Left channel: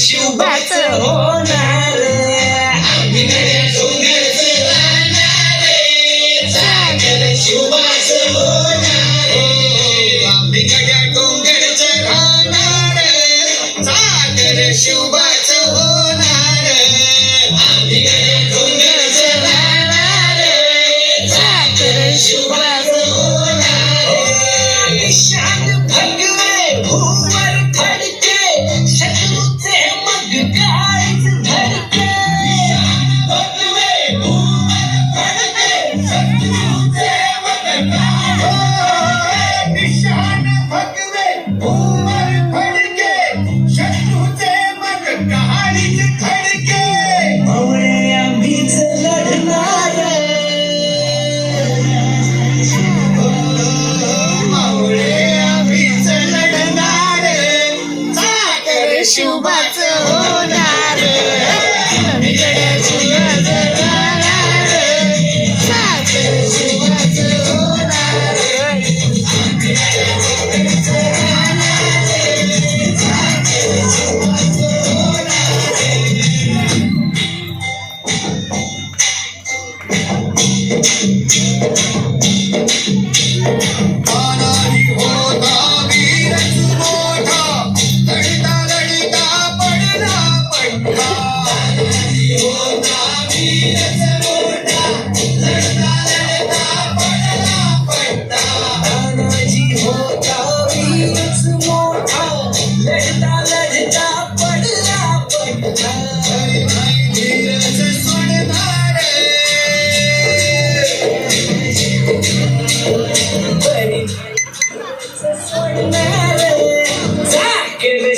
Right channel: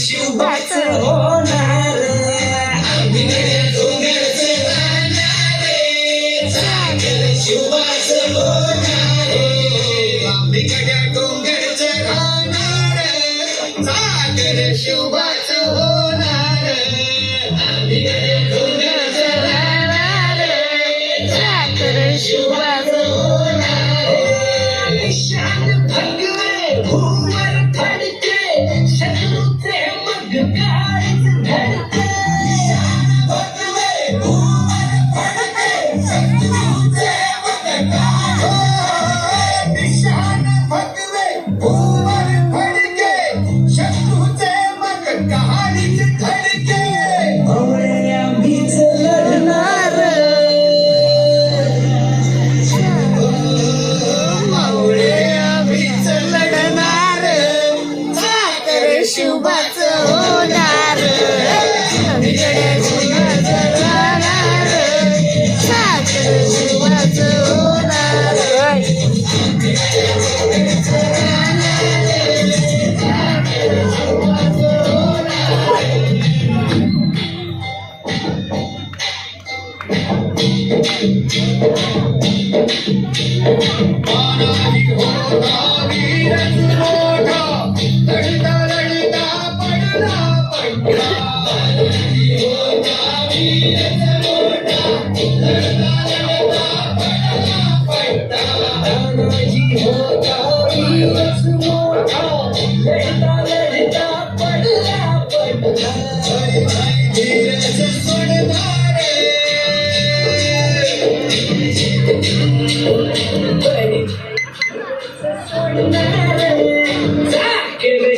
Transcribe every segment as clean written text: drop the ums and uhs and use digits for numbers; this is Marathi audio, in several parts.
शुभाचं होणार सागर शुभाचं होणार बिगड्या डोंगरचं राहणार सागर शुभाचं होणार बिगड्या डोंगरचं राहणार सागर शुभाचं होणार शान भगवे भूवर फडके शत्रूचे मग काळीच धडके भगवे भूवर फडके शत्रूचे मग निशान भगवे भूवर फडके शत्रूचे मग काळीच धडके मवळे आम्हीच लढणार शुभाचं होणार बिगड्या शुभाचं राहणार सागर शुभाचं होणार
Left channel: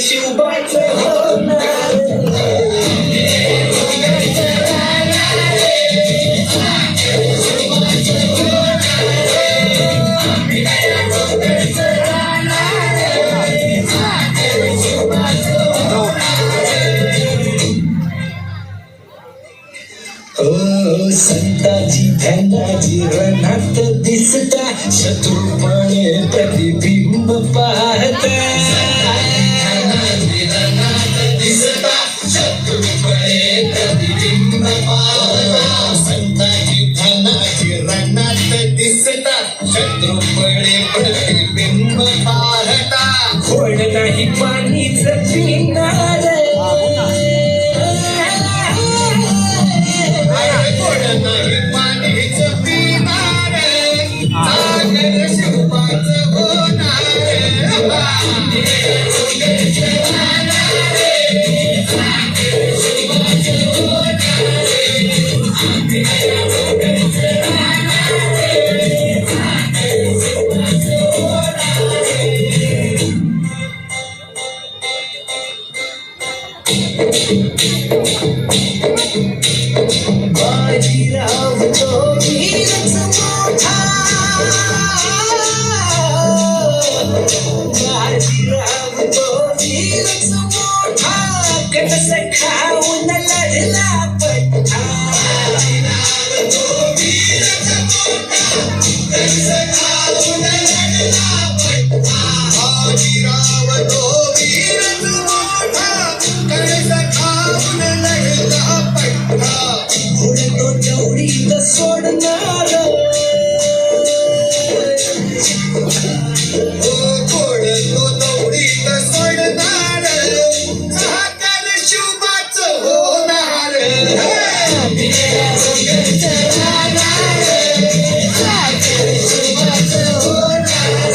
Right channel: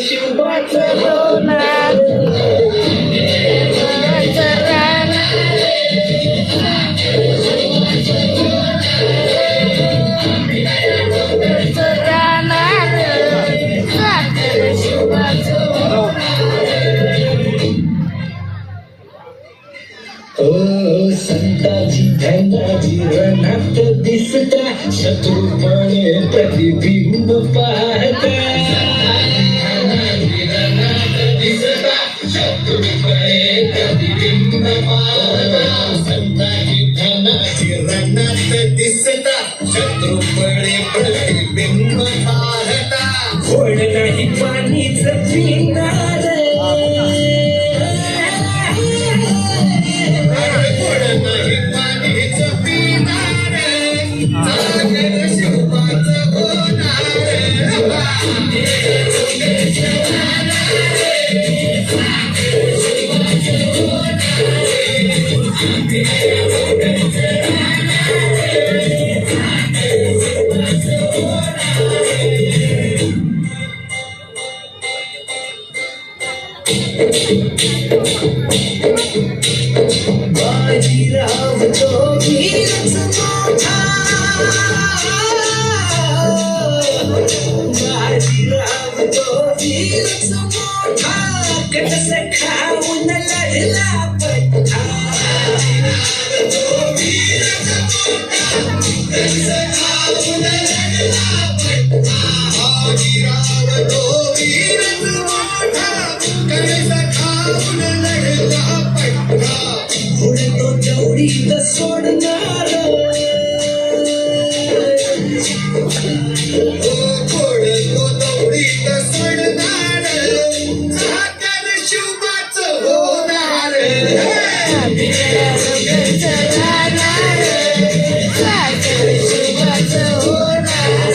शुभाचं होणार संताची धनाची रणात दिसता शत्रुपणे प्रतिबिंब पाहता संताची धनाची रणात दिसता शत्रुपणे प्रतिबिंब पाहता खोड नाही पाणीच पिणार बाजीराव तो वीरच मोठा बाजीराव तो वीरच मोठा कसं खाऊन लढला पट्टा बाजीराव तो वीरच मोठा कसं खाऊन लढला पट्टा बाजीराव तो वीरच मोठा कसं खाऊन लढला पट्टा तो तेवढीच सोडणार घोड तो तेवढीच सोडणार सागर शुभाचं होणार बिगड्या डोंगरचं राहणार सागर शुभाचं होणार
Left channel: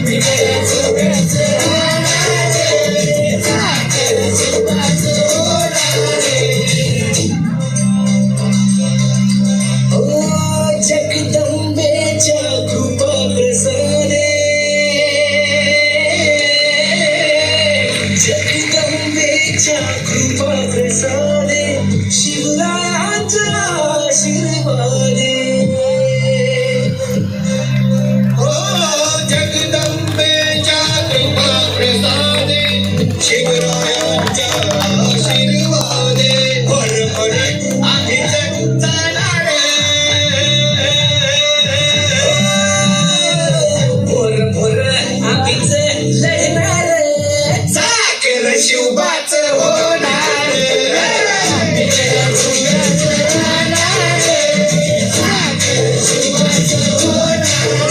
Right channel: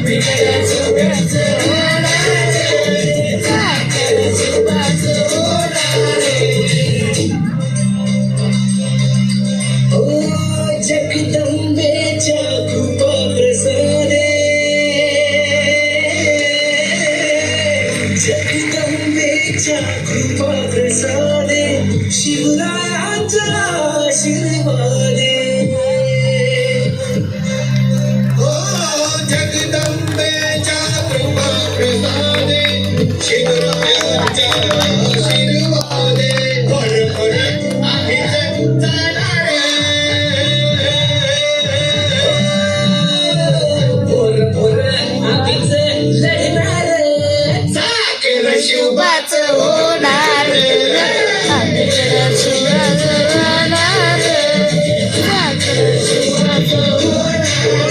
बिगड्या शुभाचं होणार सागर शुभाचं होणार जगदंबेच्या कृपा प्रसादे साखर शुभाच होणार साखर शुभाच होणार साखर शुभाच होणार